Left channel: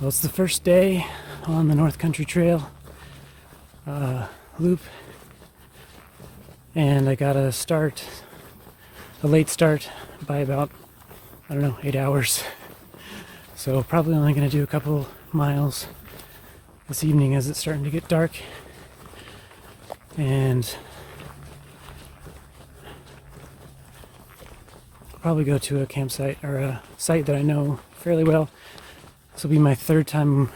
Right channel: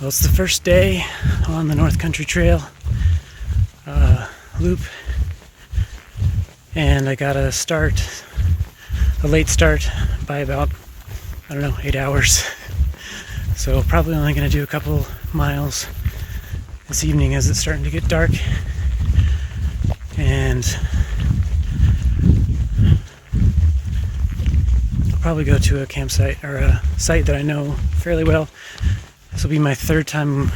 Well, it's the first day on the North Country Trail loop, and I got a late start by about, 8 hours. So probably only going to do a couple miles this evening as it's starting to get dark. And I'll probably go to a campsite or a site that I know fairly well. This will be my third time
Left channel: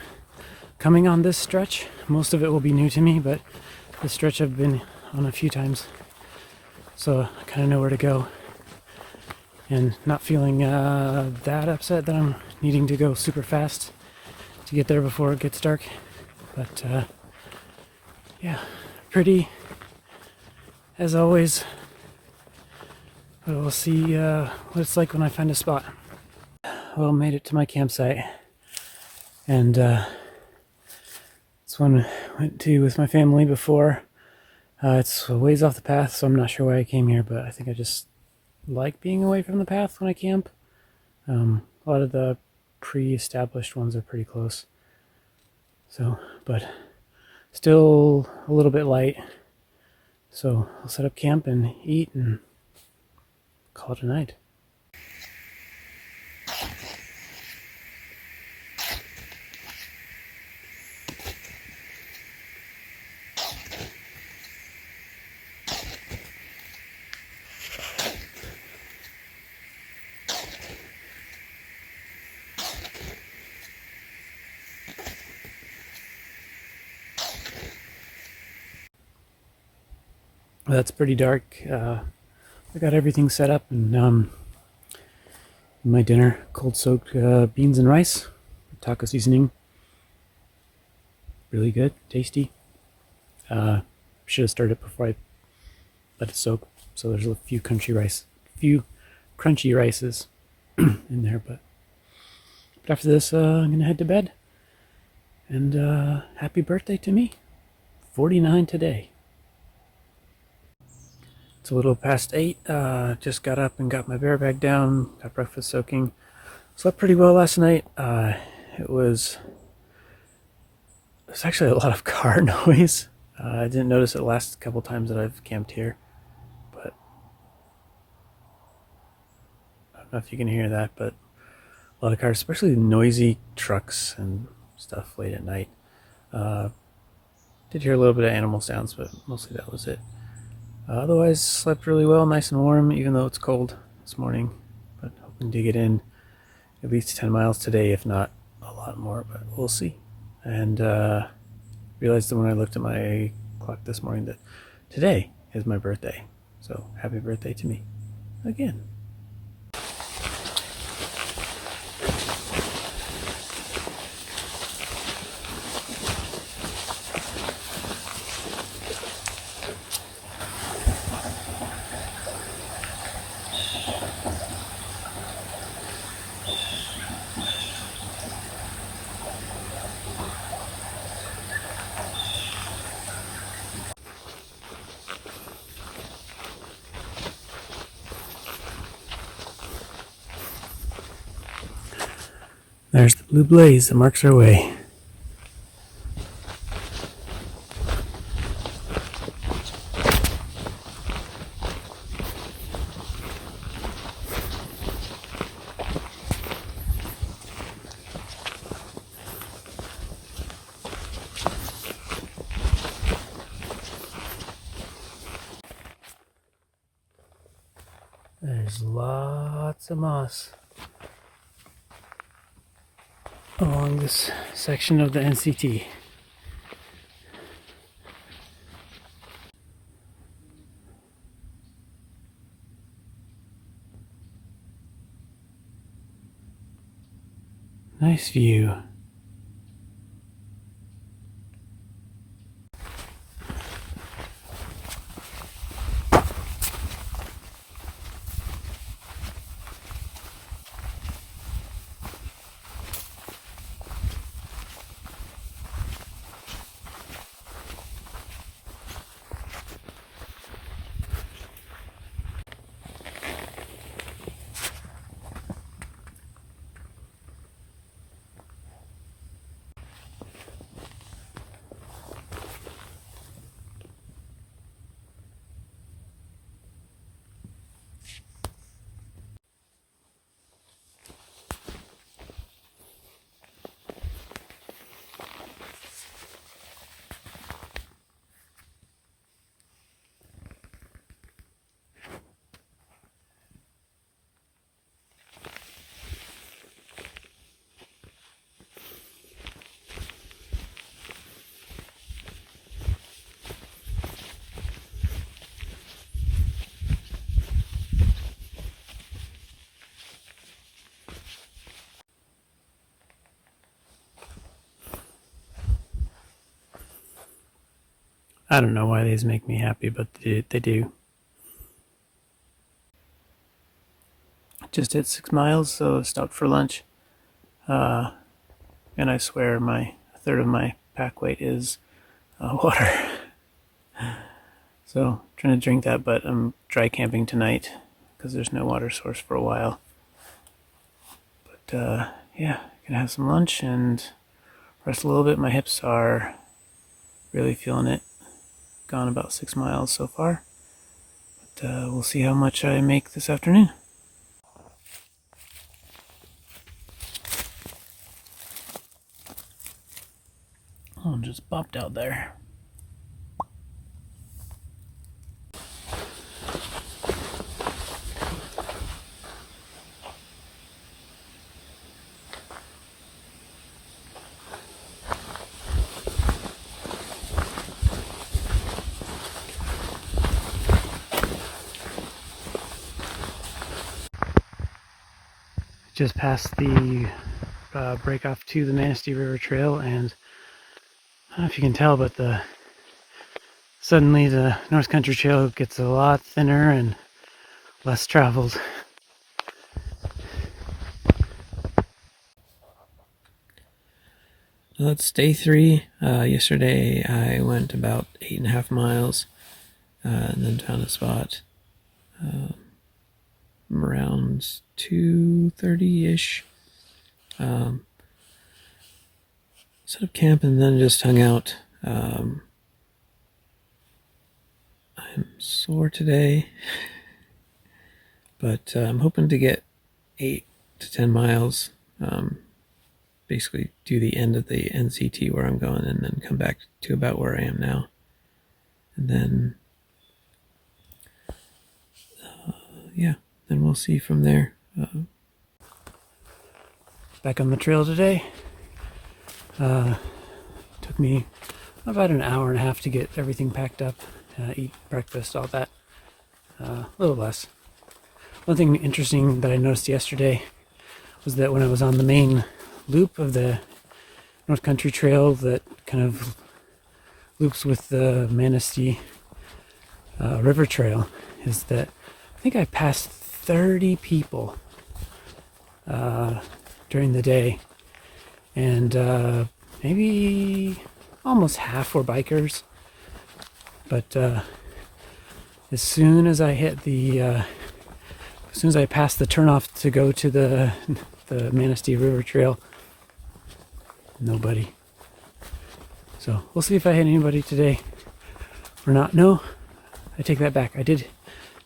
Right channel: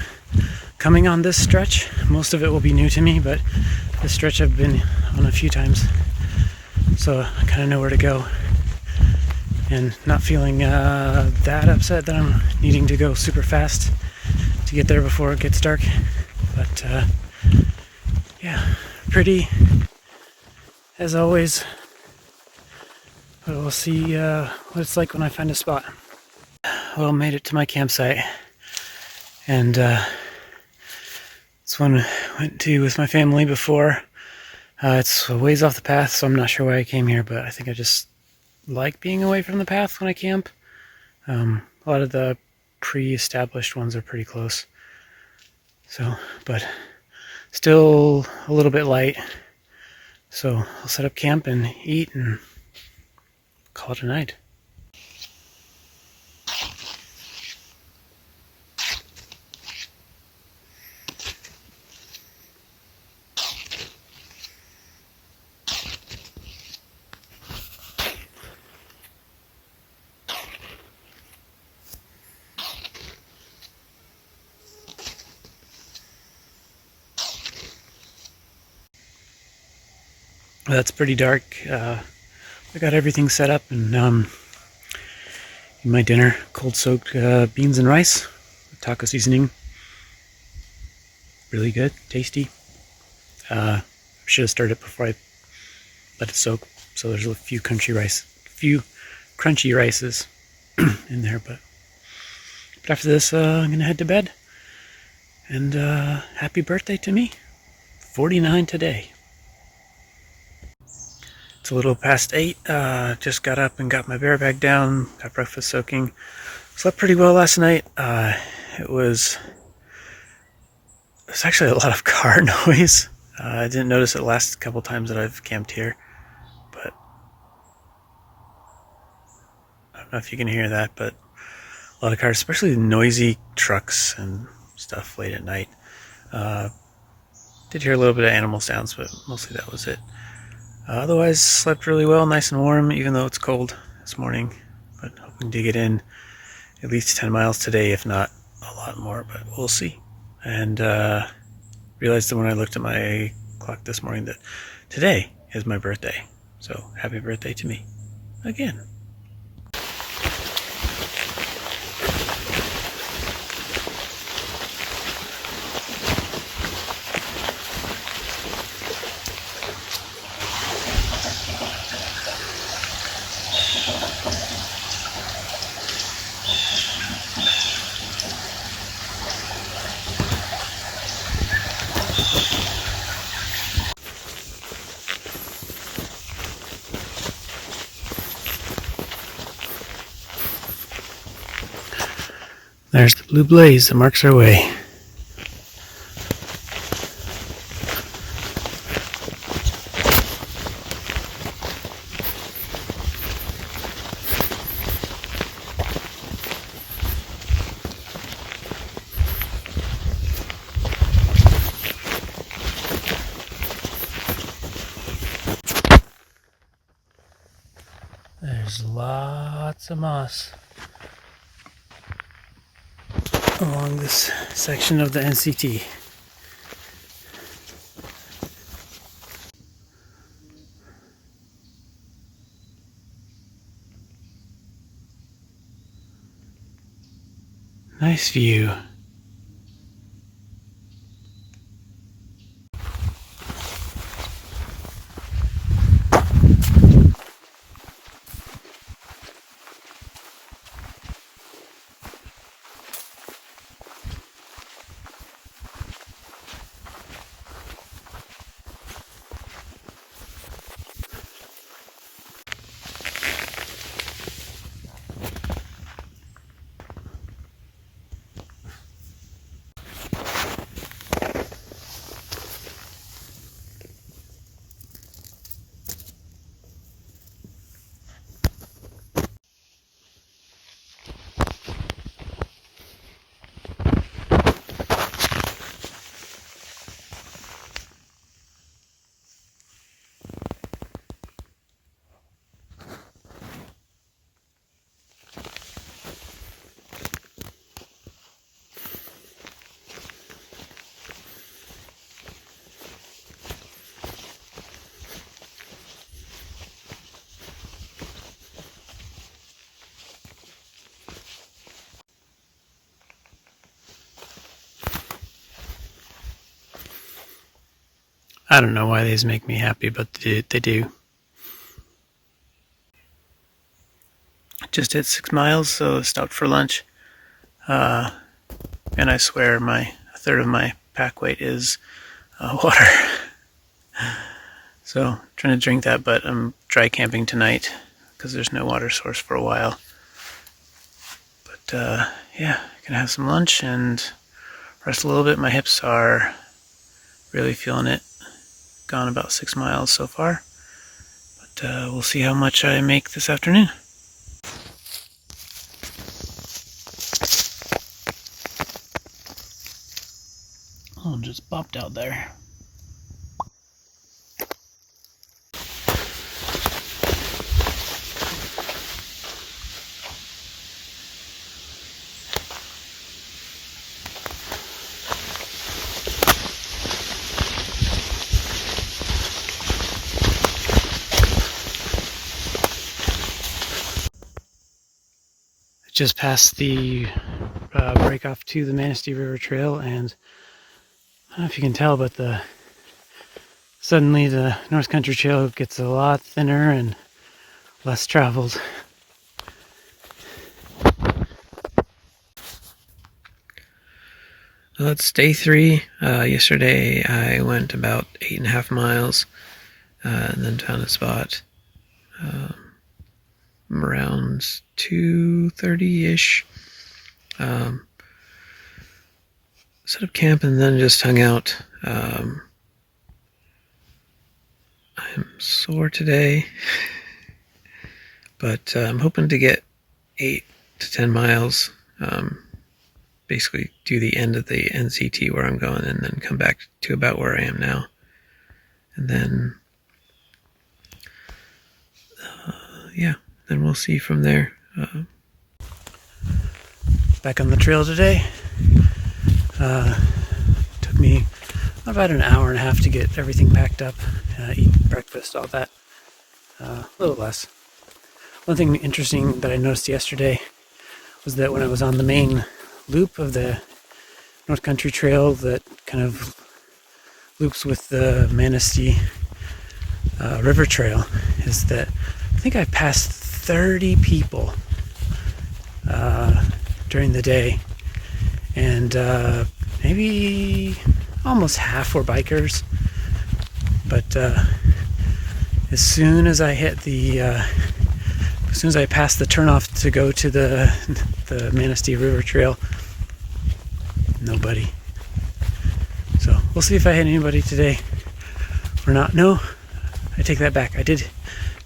coming on this stretch. Most of it will be new to me, but this stretch I've been on a few times, so I kind of know where to go, and not feeling that upset that I'm needing to go super fast to get there before it gets dark. But yeah, pretty as always. But we'll see what it's like when I find a spot. Well, made it to my campsite, and this one I went to with my family before. It's a ways off the path, so I'm not sure why I came here, but I think I just like being away from the path when I camp. A lot of the pre-established ones are pretty close, so, but still a little bit light. So I'll set up camp and eat and call it a night. That's pretty dark. I got everything set up, and my dinner, cold soaked beans and rice with taco seasoning. Really good, tasty. Should have started it before I let it soak. So there's a few crunchy rices in there, but after this, I'm gonna head to bed. And happy birthday to me, 49 today. It's a little past 8. Just got up and got my bear bag down, got breakfast soaking. Slept pretty well last night. There's actually a lot of car noise. I didn't notice it the last couple times that I've camped here, but I don't know if you can hear that, but a lot of cars, especially noisy trucks and stuff late at night. Did hear a little bit of animal sounds, but mostly that was it. Otherwise, slept really well, nice and warm, even though it's cold this morning. But hoping to get in at least 10 miles today, if not a lot more, but we'll see. And realized that when I looked at my clock this morning that today is my birthday. So happy birthday to me again. There's the blue blaze that marks our way. There's lots of moss along this section of the NCT. Nice view. I don't know why these make me happy, but they do. Just hit 6 miles, so stopped for lunch. And I swear a third of my pack weight is water. So trying to drink that, but I'm dry camping tonight because there's no water source for a while. But yeah, gonna have some lunch and rest a little bit. My hips are really feeling it. Gone about 6 miles so far, but we'll see how much I make this afternoon. Oh, just bopped out there. Just past the break off to the Manistee River Trail, and I don't know if you can tell, but suddenly the North Country Trail gets a lot thinner and less traveled. Well, it's day 3. Yesterday I went about 8.5 miles and then found a spot around 2:30-ish. Set up camp and then just hung out. I'm sore today, but I'm hoping to get 8 to 10 miles. Basically do the end of the NCT where I'm going and then come back to about where I am now. And then, yeah, then we'll see from there. Back on the trail today. Took me about an hour and a half to get everything packed up, eat breakfast, all that. A little less. One thing interesting that I noticed yesterday was that when I was on the main loop of the North Country Trail that kind of loops with the Manistee River Trail, is that I think I passed 30 people during the day, and maybe almost half were bikers. But as soon as I hit as soon as I passed the turnoff to go to the Manistee River Trail, nobody. So we'll see if I hit anybody today or not. No, I take that back. I did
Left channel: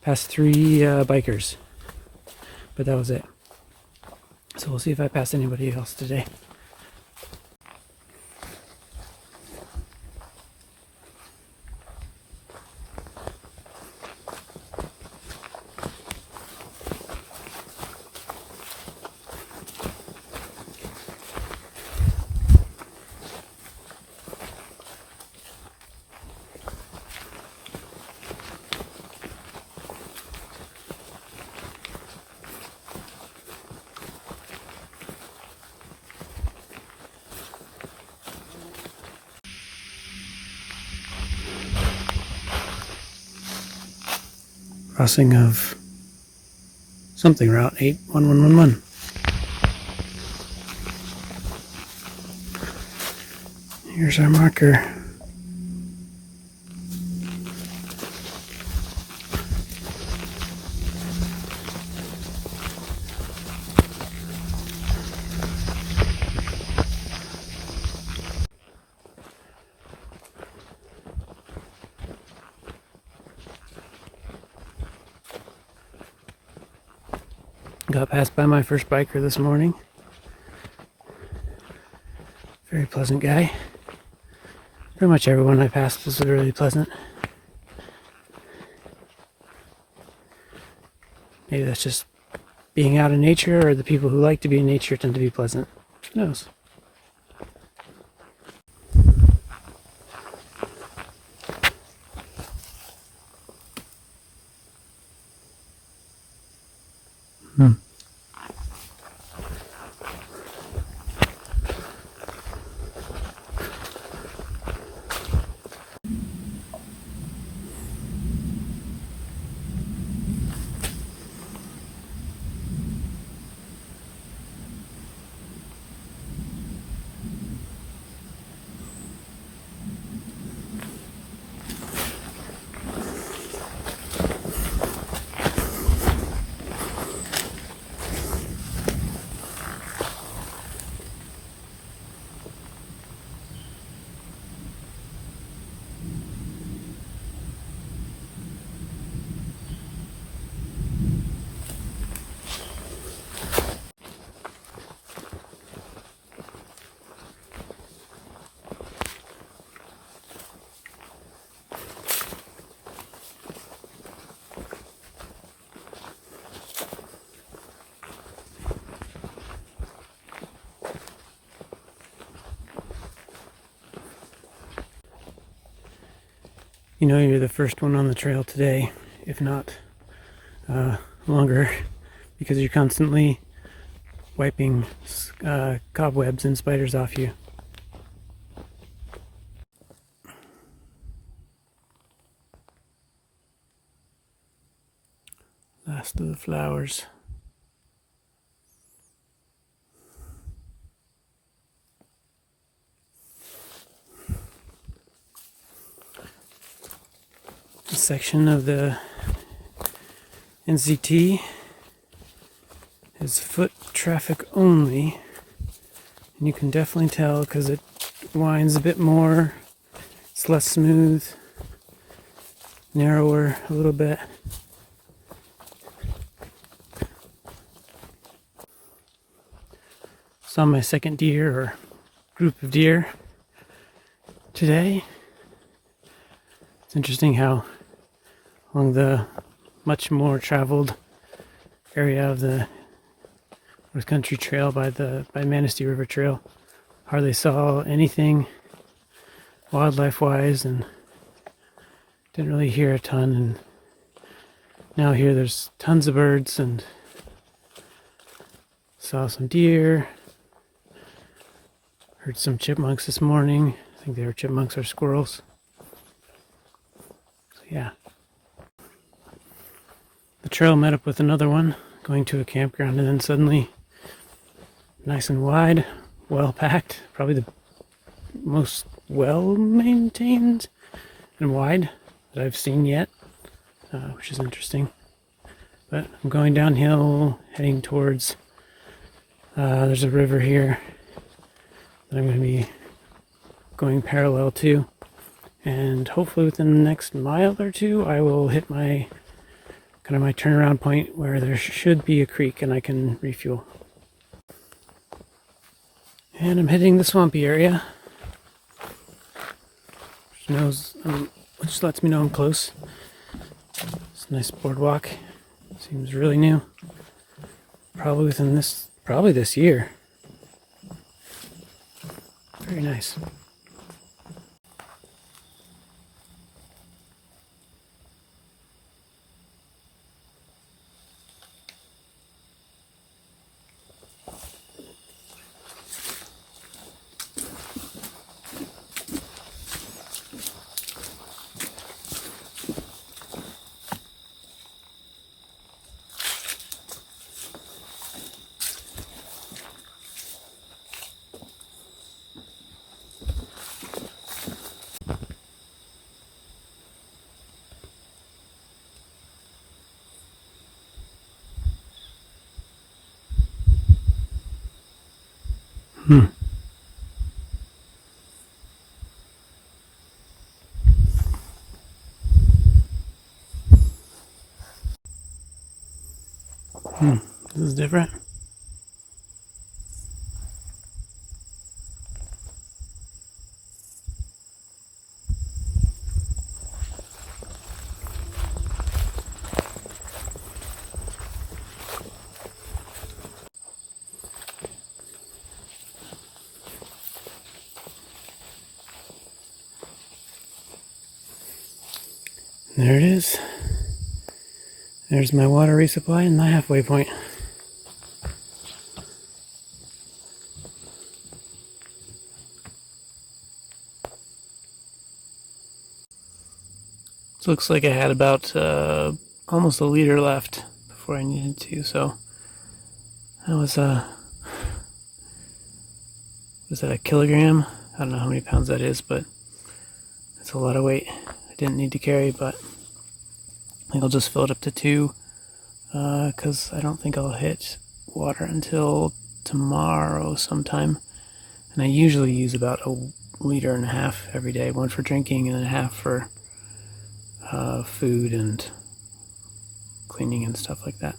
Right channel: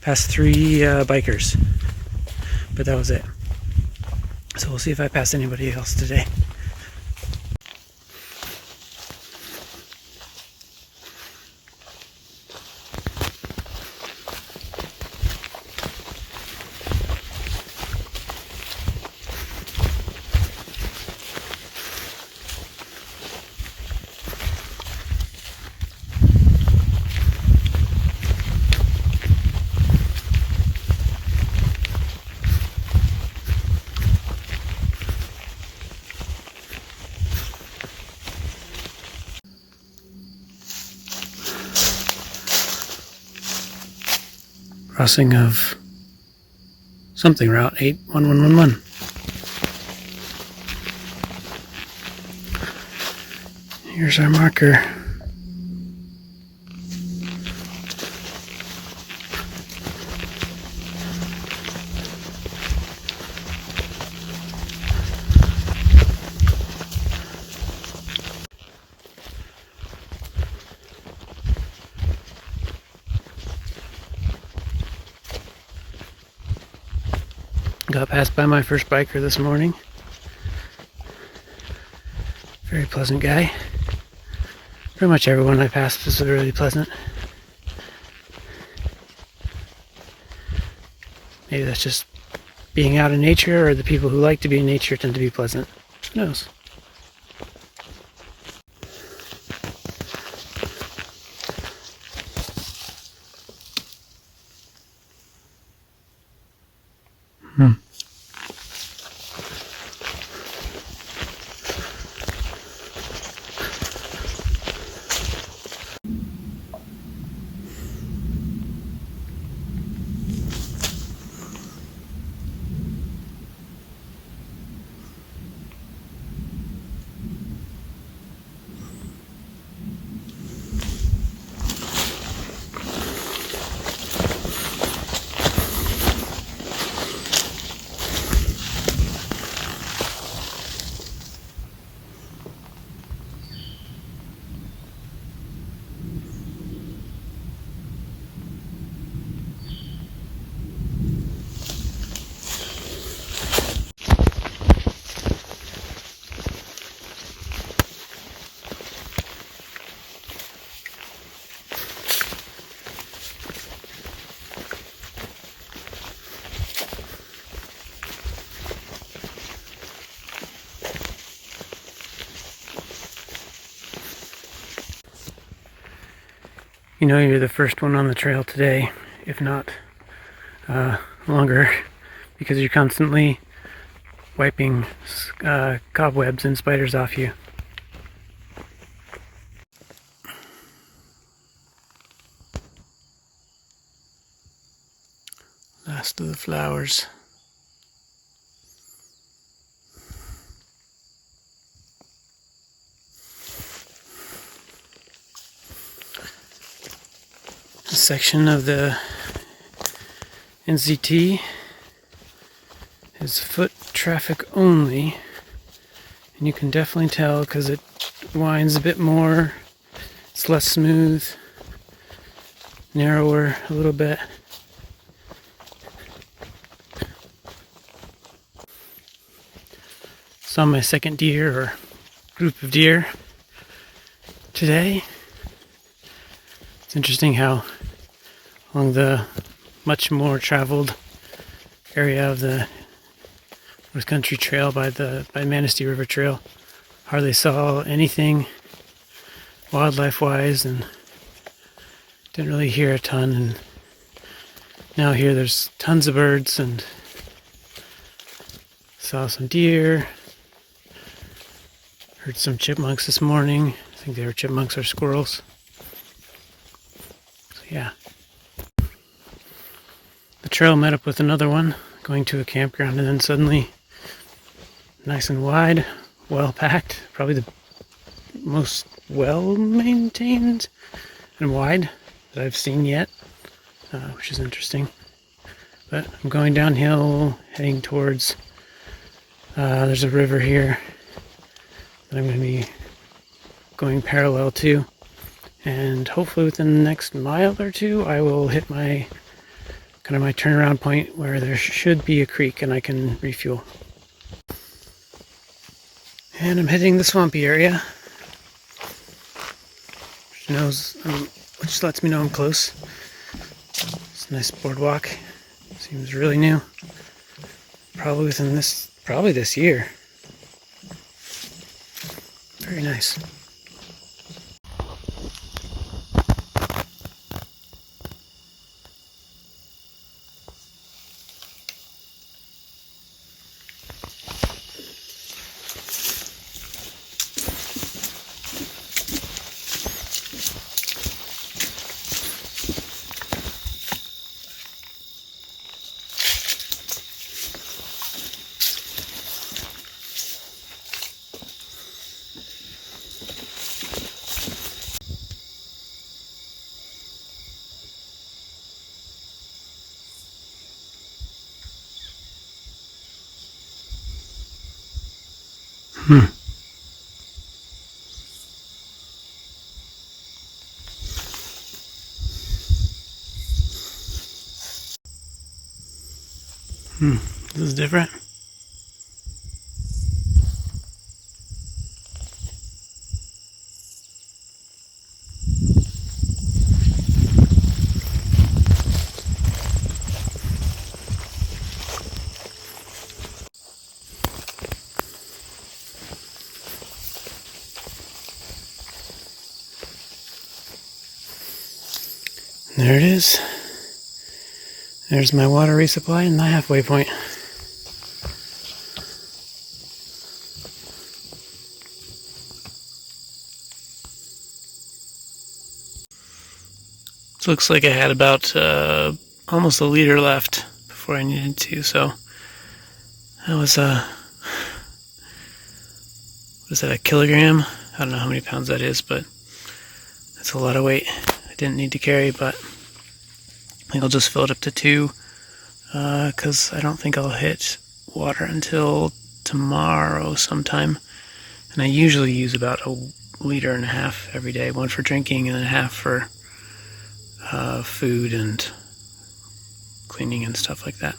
pass 3 bikers, but that was it. So we'll see if I pass anybody else today. Crossing of something, route 81111. Here's our marker. Got passed by my first biker this morning. Very pleasant guy. Pretty much everyone I passed was really pleasant. Maybe that's just being out in nature, or the people who like to be in nature tend to be pleasant. Who knows? You know you're the first one on the trail today, if not longer, because you're constantly wiping cobwebs and spiders off you. Last of the flowers. A section of the NCT is foot traffic only, and you can definitely tell because it winds a bit more. It's less smooth, narrower a little bit. Saw my second deer or group of deer today. It's interesting how along the much more traveled area of the North Country Trail by Manistee River Trail, hardly saw anything wildlife-wise, and didn't really hear a ton. And now here there's tons of birds, and saw some deer. Heard some chipmunks this morning. I think they were chipmunks or squirrels. So yeah. The trail met up with another one, going to a campground, and then suddenly, nice and wide, well packed, probably the most well maintained and wide that I've seen yet, which is interesting. But I'm going downhill, heading towards, there's a river here that I'm going to be going parallel to, and hopefully within the next mile or two I will hit my kind of my turnaround point where there should be a creek and I can refuel. And I'm hitting the swampy area, which lets me know I'm close. It's a nice boardwalk. Seems really new. Probably this year. Very nice. This is different. There it is. There's my water resupply and my halfway point. It looks like I had about almost a liter left before I needed to, so that was what is that, a kilogram? I don't know how many pounds that is, but that's a lot of weight I didn't need to carry. But I think I'll just fill it up to 2 because I don't think I'll hit water until tomorrow sometime. And I usually use about 1.5 liters every day, 1 for drinking and then 1/2 for food and cleaning and stuff like that.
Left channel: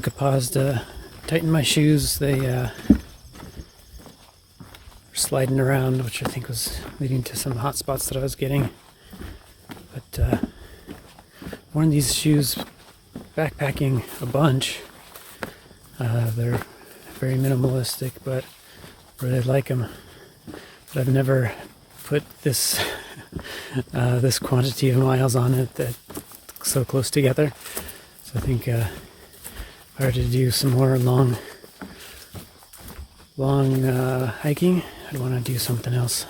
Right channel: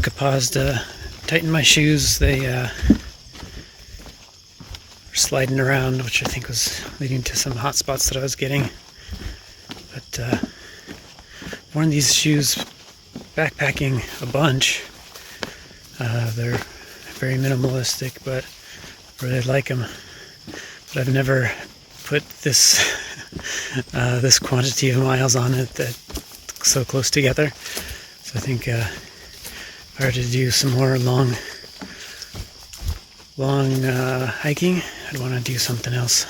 took a pause to tighten my shoes. They were sliding around, which I think was leading to some hot spots that I was getting. But worn these shoes backpacking a bunch. They're very minimalistic, but really like them. But I've never put this this quantity of miles on it that so close together. So I think if I were to do some more long hiking, I'd want to do something else.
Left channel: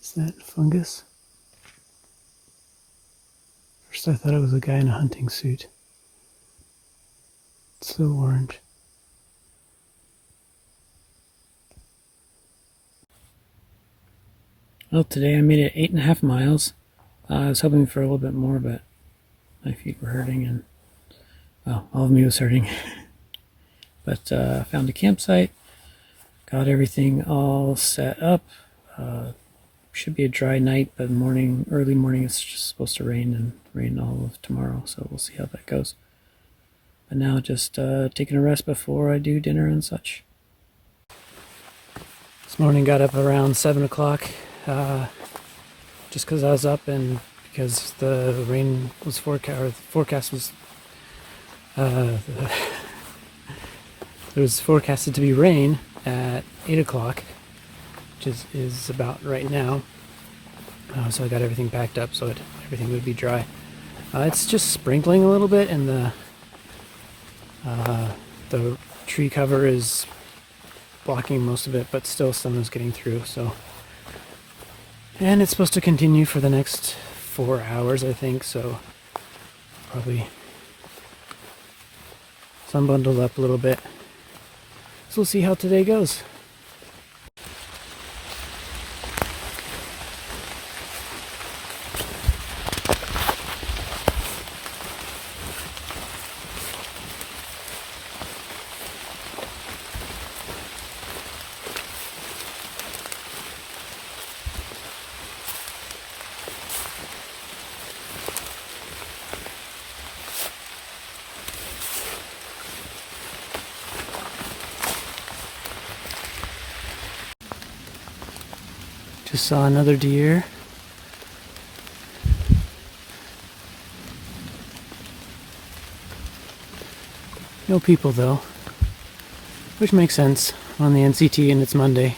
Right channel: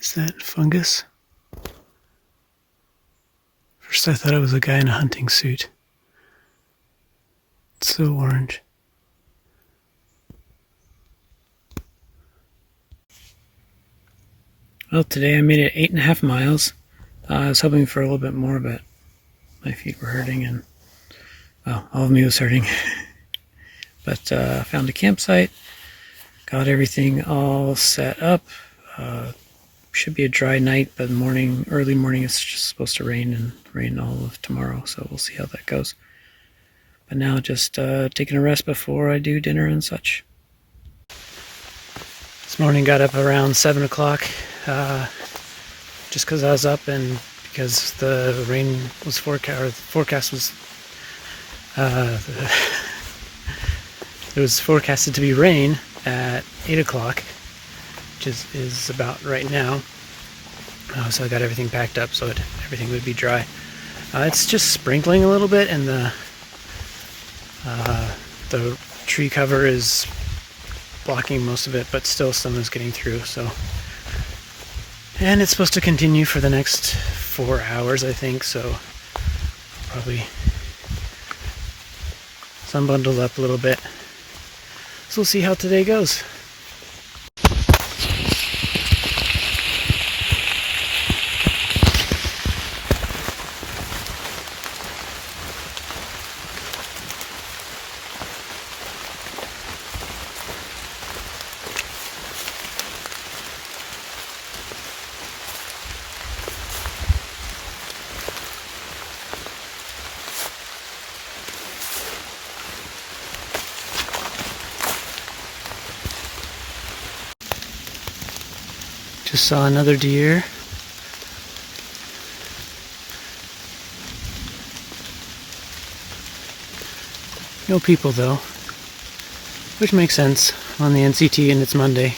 Is that fungus? First I thought it was a guy in a hunting suit. It's so orange. Well, today I made it 8.5 miles. I was hoping for a little bit more, but my feet were hurting and, well, all of me was hurting. But I found a campsite, got everything all set up. Should be a dry night, but early morning it's just supposed to rain and rain all of tomorrow, so we'll see how that goes. But now just taking a rest before I do dinner and such. This morning got up around 7 o'clock just because I was up and because the rain was forecast was it was forecasted to be rain at 8 o'clock. Is about right now. So I got everything packed up so everything would be dry. It's just sprinkling a little bit, and the tree cover is blocking most of it, but still some is getting through. So, and it's supposed to continue for the next 4 hours, I think. So probably sun bundled up a little bit. So we'll see how today goes. Just saw another deer. No people though, which makes sense on the NCT and it's Monday.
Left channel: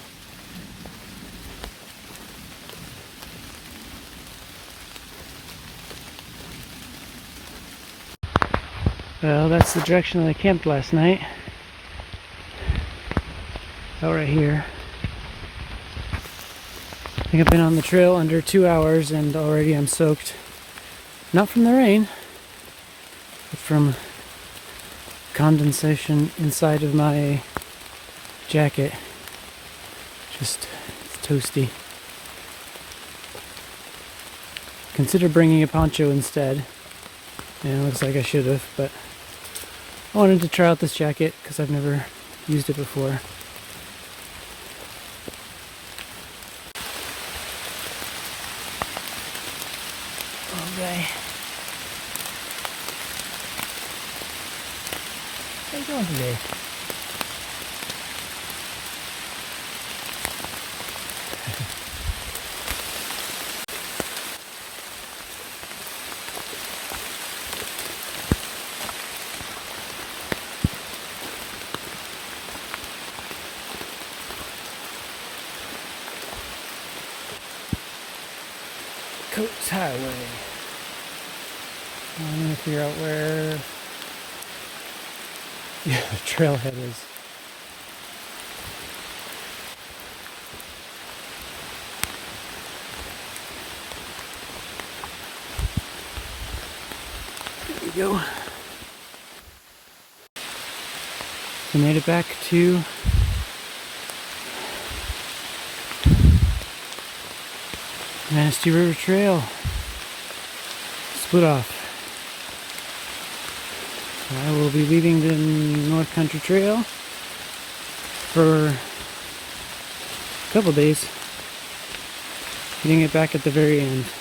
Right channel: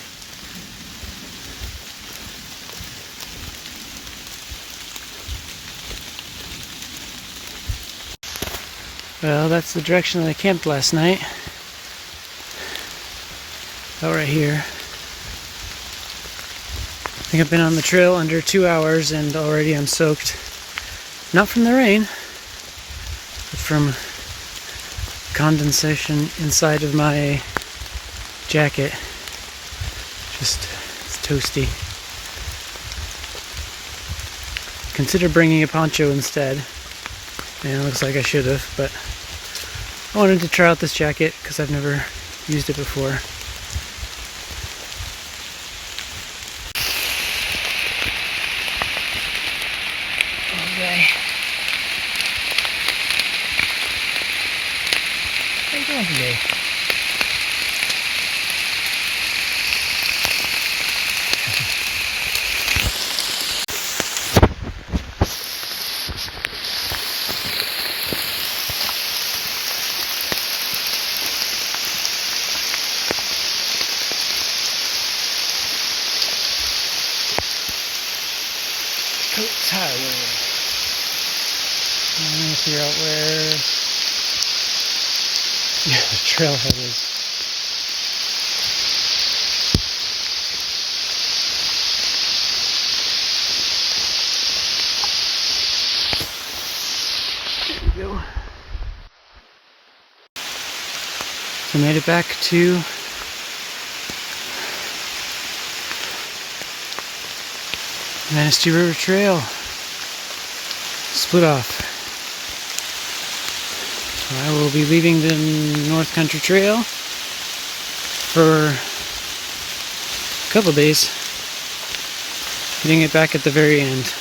Well, that's the direction that I camped last night. Out right here. I think I've been on the trail under 2 hours and already I'm soaked. Not from the rain, but from condensation inside of my jacket. Just, it's toasty. Consider bringing a poncho instead. And it looks like I should have, but I wanted to try out this jacket because I've never used it before. Okay. How are you doing today? Oats Highway. I'm gonna figure out where the trailhead is. There we go. So made it back to Manistee River Trail. Split off. So I will be leaving the North Country Trail for a couple days, hitting it back at the very end.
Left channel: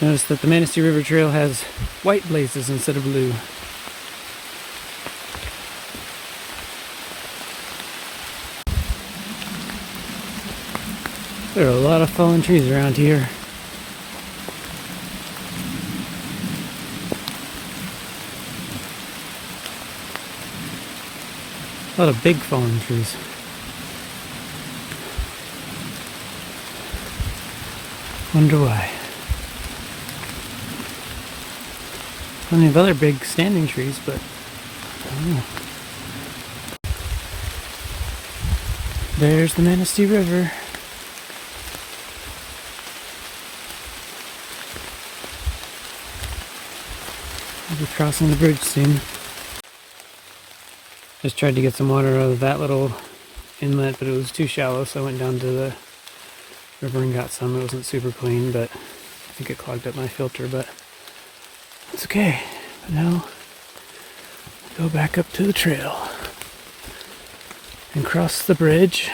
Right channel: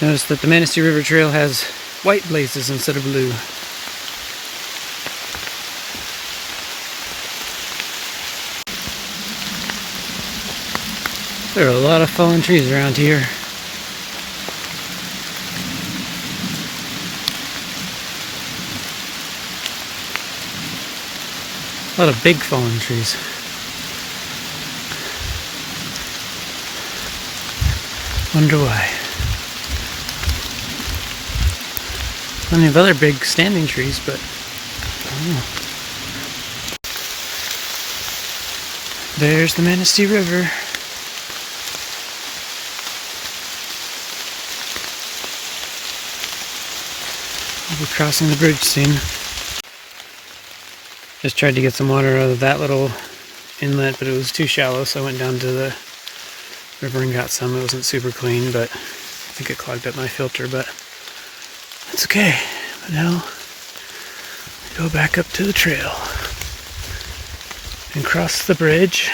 Notice that the Manistee River Trail has white blazes instead of blue. There are a lot of fallen trees around here. A lot of big fallen trees. Wonder why. Plenty of other big standing trees, but I don't know. There's the Manistee River. I'll be crossing the bridge soon. Just tried to get some water out of that little inlet, but it was too shallow, so I went down to the river and got some. It wasn't super clean, but I think it clogged up my filter, but that's okay. But now I go back up to the trail and cross the bridge.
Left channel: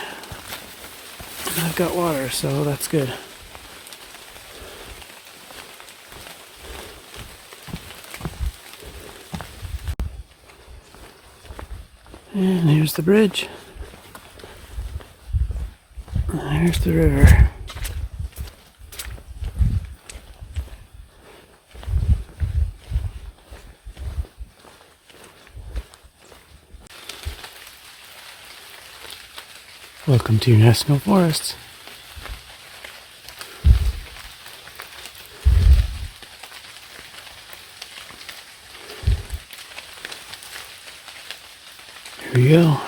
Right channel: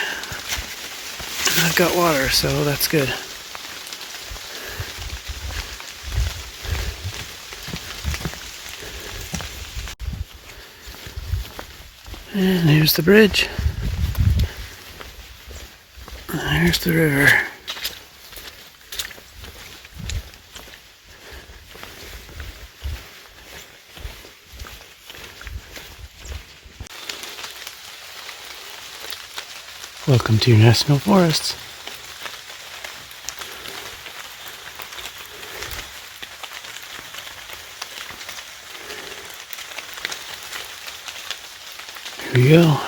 And I've got water, so that's good. And here's the bridge. And there's the river. Welcome to your national forests. Here we go.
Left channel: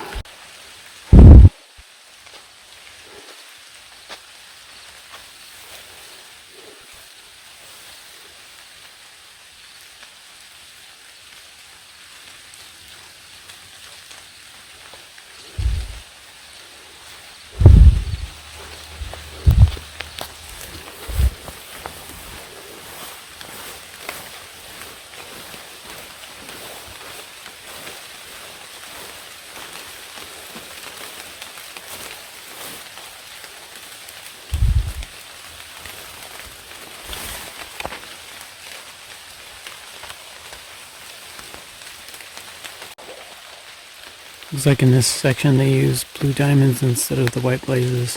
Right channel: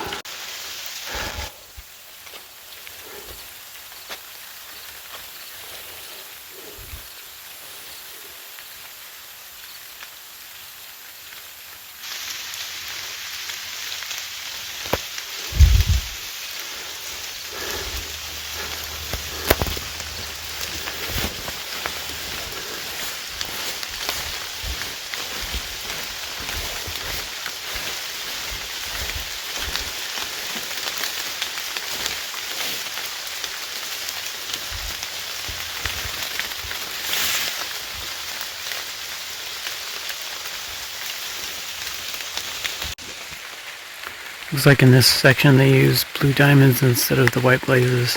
Looks like in this section they use blue diamonds instead of the white blazes.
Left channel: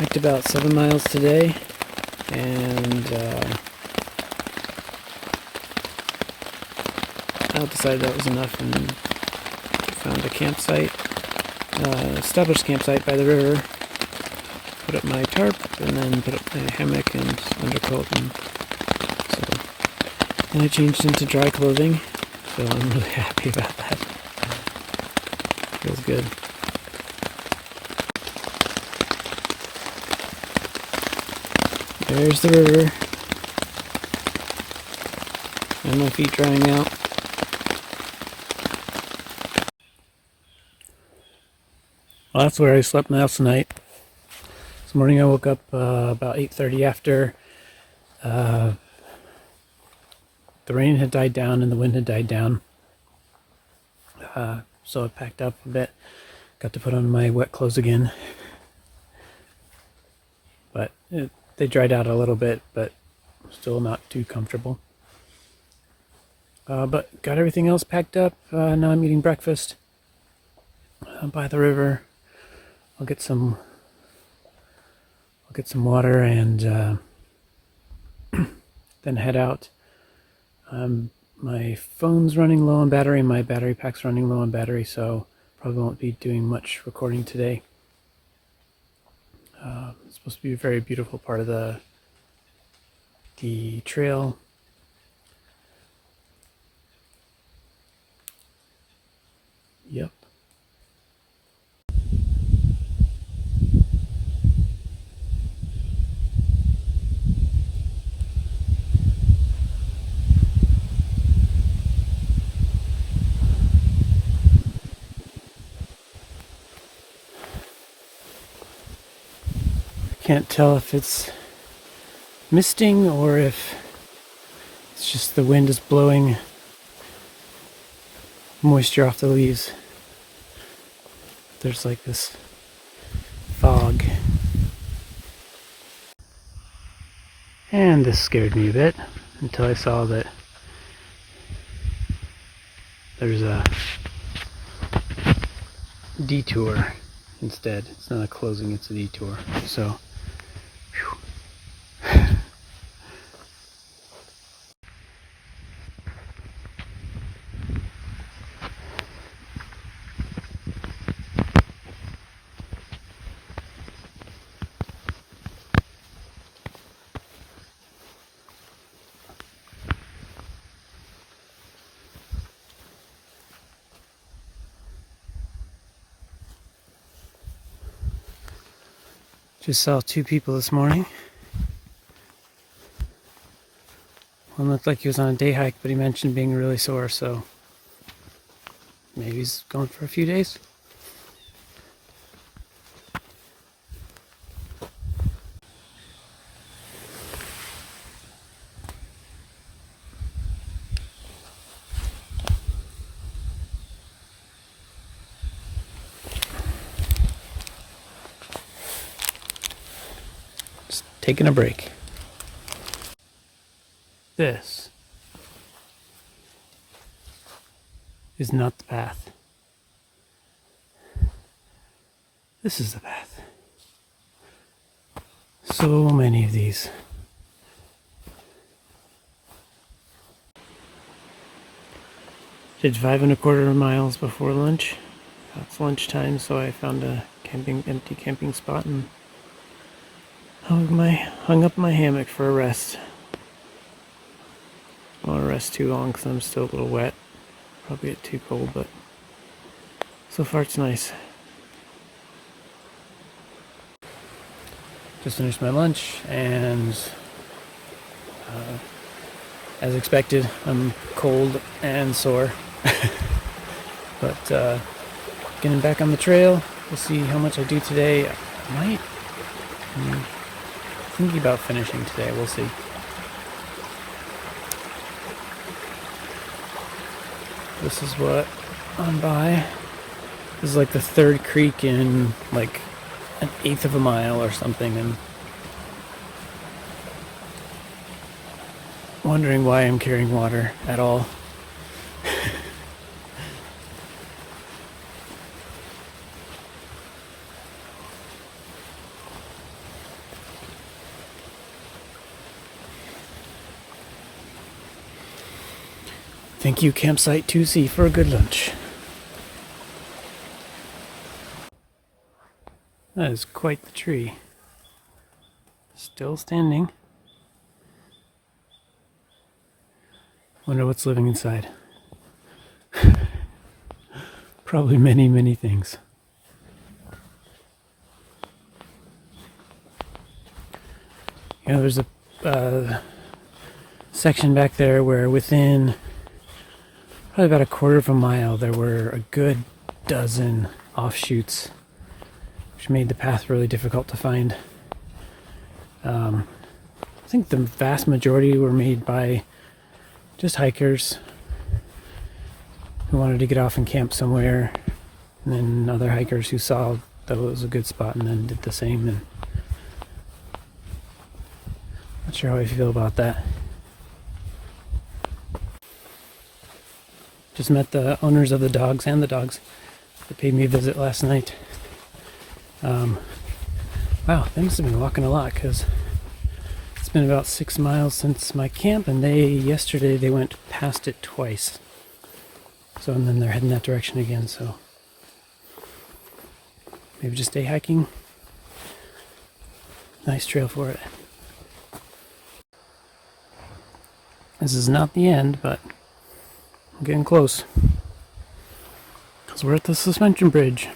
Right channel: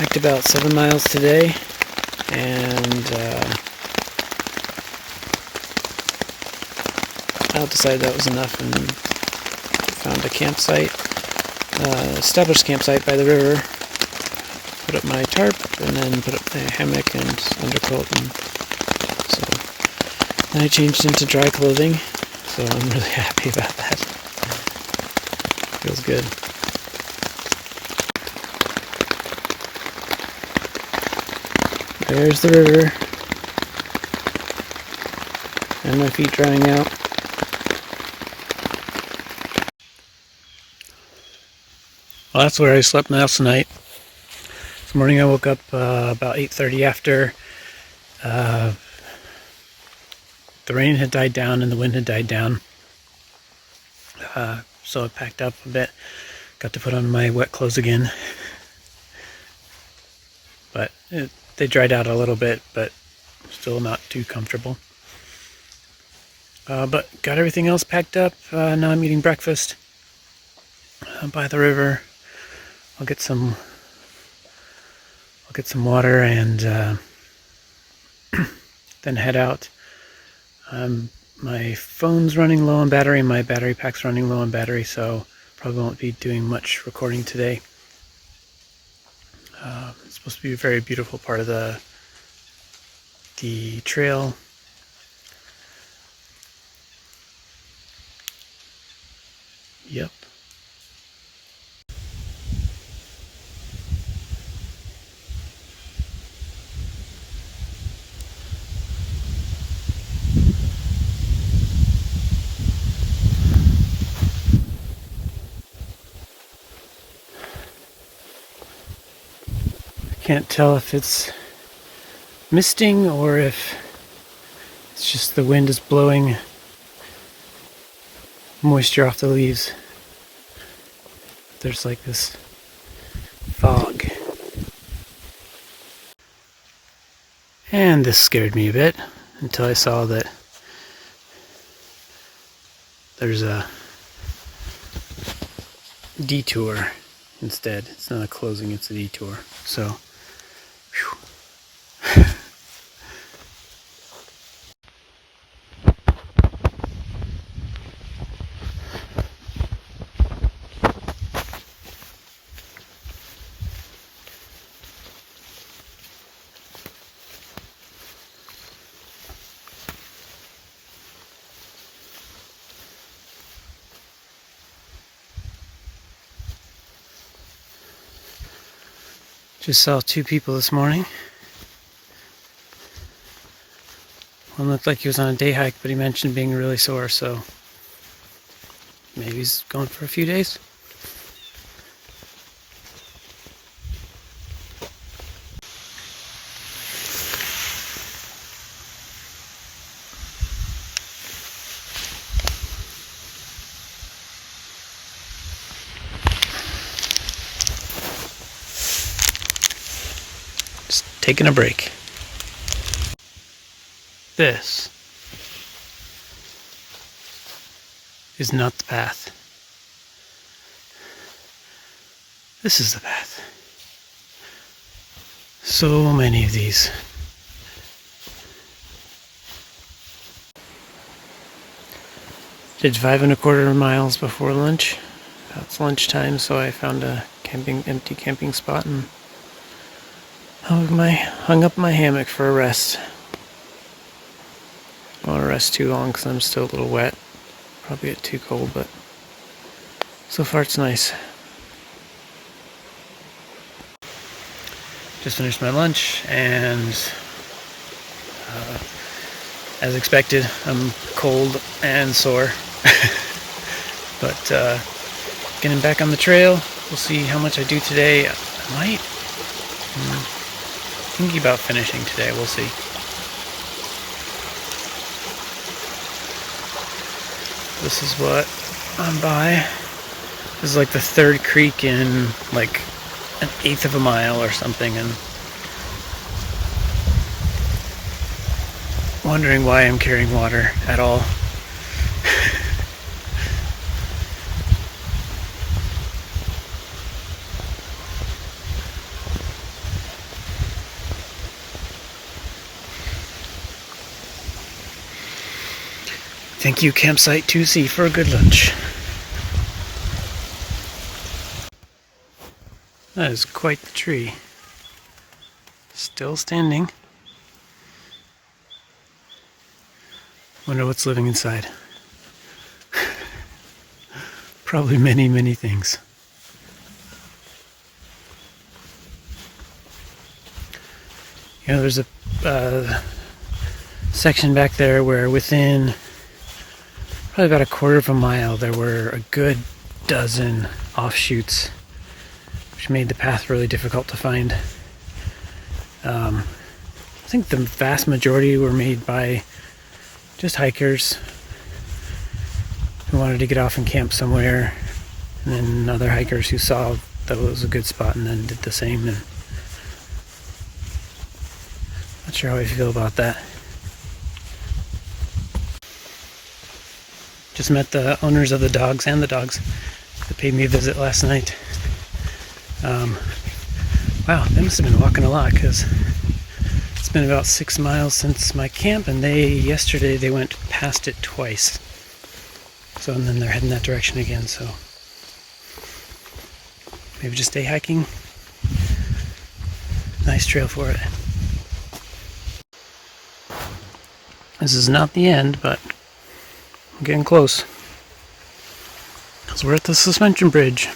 Hiked about 7 miles today, and I decided that was enough and found a campsite, established campsite by the river, put up my tarp, and then put up my hammock and undercoat, and so then I changed into dry clothing, so I'm really happy about that. Feels good. There's the river. And my feet drying out. Well, that's where I slept last night. This morning I woke up about 8:30 after the rain had died down and the wind had died down. So I packed up a bit. Got to put on my wet clothes again. But they dried out a little bit, but still not too comfortable. But got everything else packed up. Now I'm eating breakfast by the river. I'll get some water and then head out. My phone's running low on battery, my battery pack's running low on battery, so probably won't be doing much recording today. It's supposed to be a very beautiful part of the trail. Yep. Can't tell if it's misting or if it's just the wind is blowing moisture off the leaves. There's like this fog. And this scared me a bit until I saw that there's a detour instead. It's not a closing, it's a detour. So, whew. Just saw two people this morning. One looked like he was on a day hike, but he mentioned being really sore, so maybe he's going for a few days. Just taking a break. This is not the path. This is the path. So many of these. Did 5.25 miles before lunch. It's lunchtime, so I found a empty camping spot and hung up my hammock for a rest. I don't want to rest too long because I'm still a little wet. Probably get too cold, but so far it's nice. Just finished my lunch, and as expected, I'm cold and sore. But getting back on the trail, we'll see how much I do today. I might. Thinking about finishing today, we'll see. This is what I'm by. This is like the third creek in like 1/8 of a mile or something, and wondering why I'm carrying water at all. Thank you, Campsite 2C, for a good lunch. That is quite the tree. Still standing. Wonder what's living inside. Probably many, many things. There's a section back there where within probably about a quarter of a mile there were a good dozen offshoots, which made the path really difficult to find. I think the vast majority were made by just hikers who wanted to get off and camp somewhere, and then other hikers who saw that it was a good spot and then did the same. And not sure how I feel about that. Just met the owners of the dogs and the dogs that paid me a visit last night. Wow, they must have been walking a lot, because it's been about 6 miles since my camp, and yesterday they went past it twice. So, and then they're heading that direction again, so maybe just day hiking. Nice trail for it. This is not the end, but I'm getting close, because we're at the suspension bridge.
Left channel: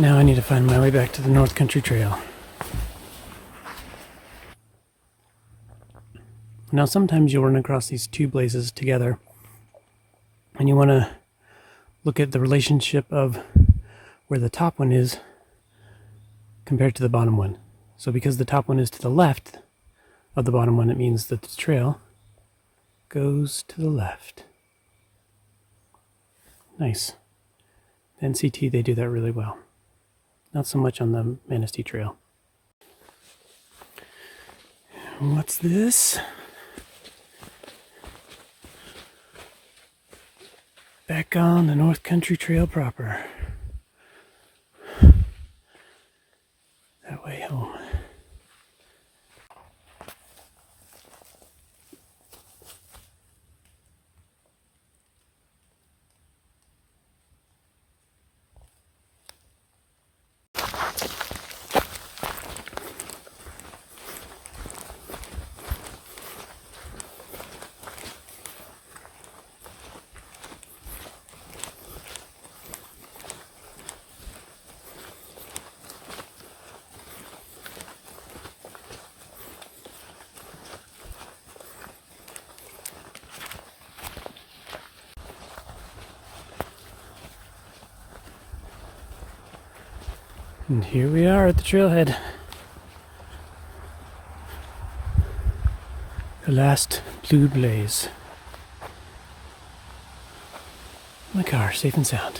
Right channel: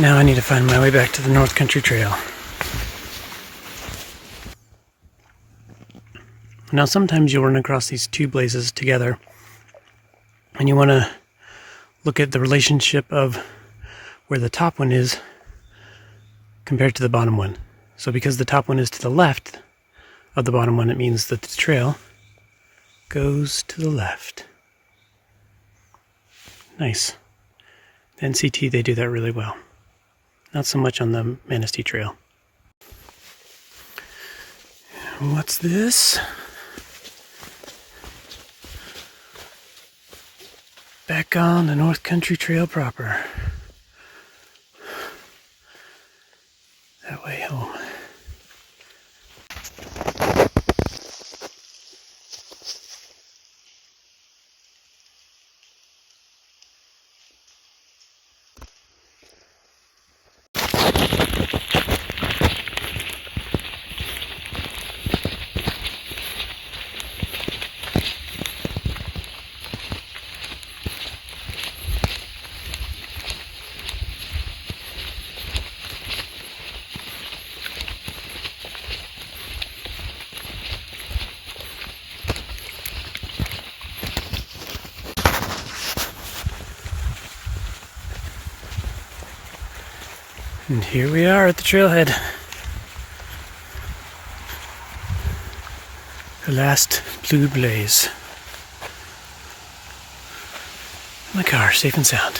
Now I need to find my way back to the North Country Trail. Now sometimes you'll run across these two blazes together, and you want to look at the relationship of where the top one is compared to the bottom one. So because the top one is to the left of the bottom one, it means that the trail goes to the left. Nice. The NCT, they do that really well. Not so much on the Manistee Trail. What's this? Back on the North Country Trail proper. That way home. And here we are at the trailhead. The last blue blaze. My car, safe and sound.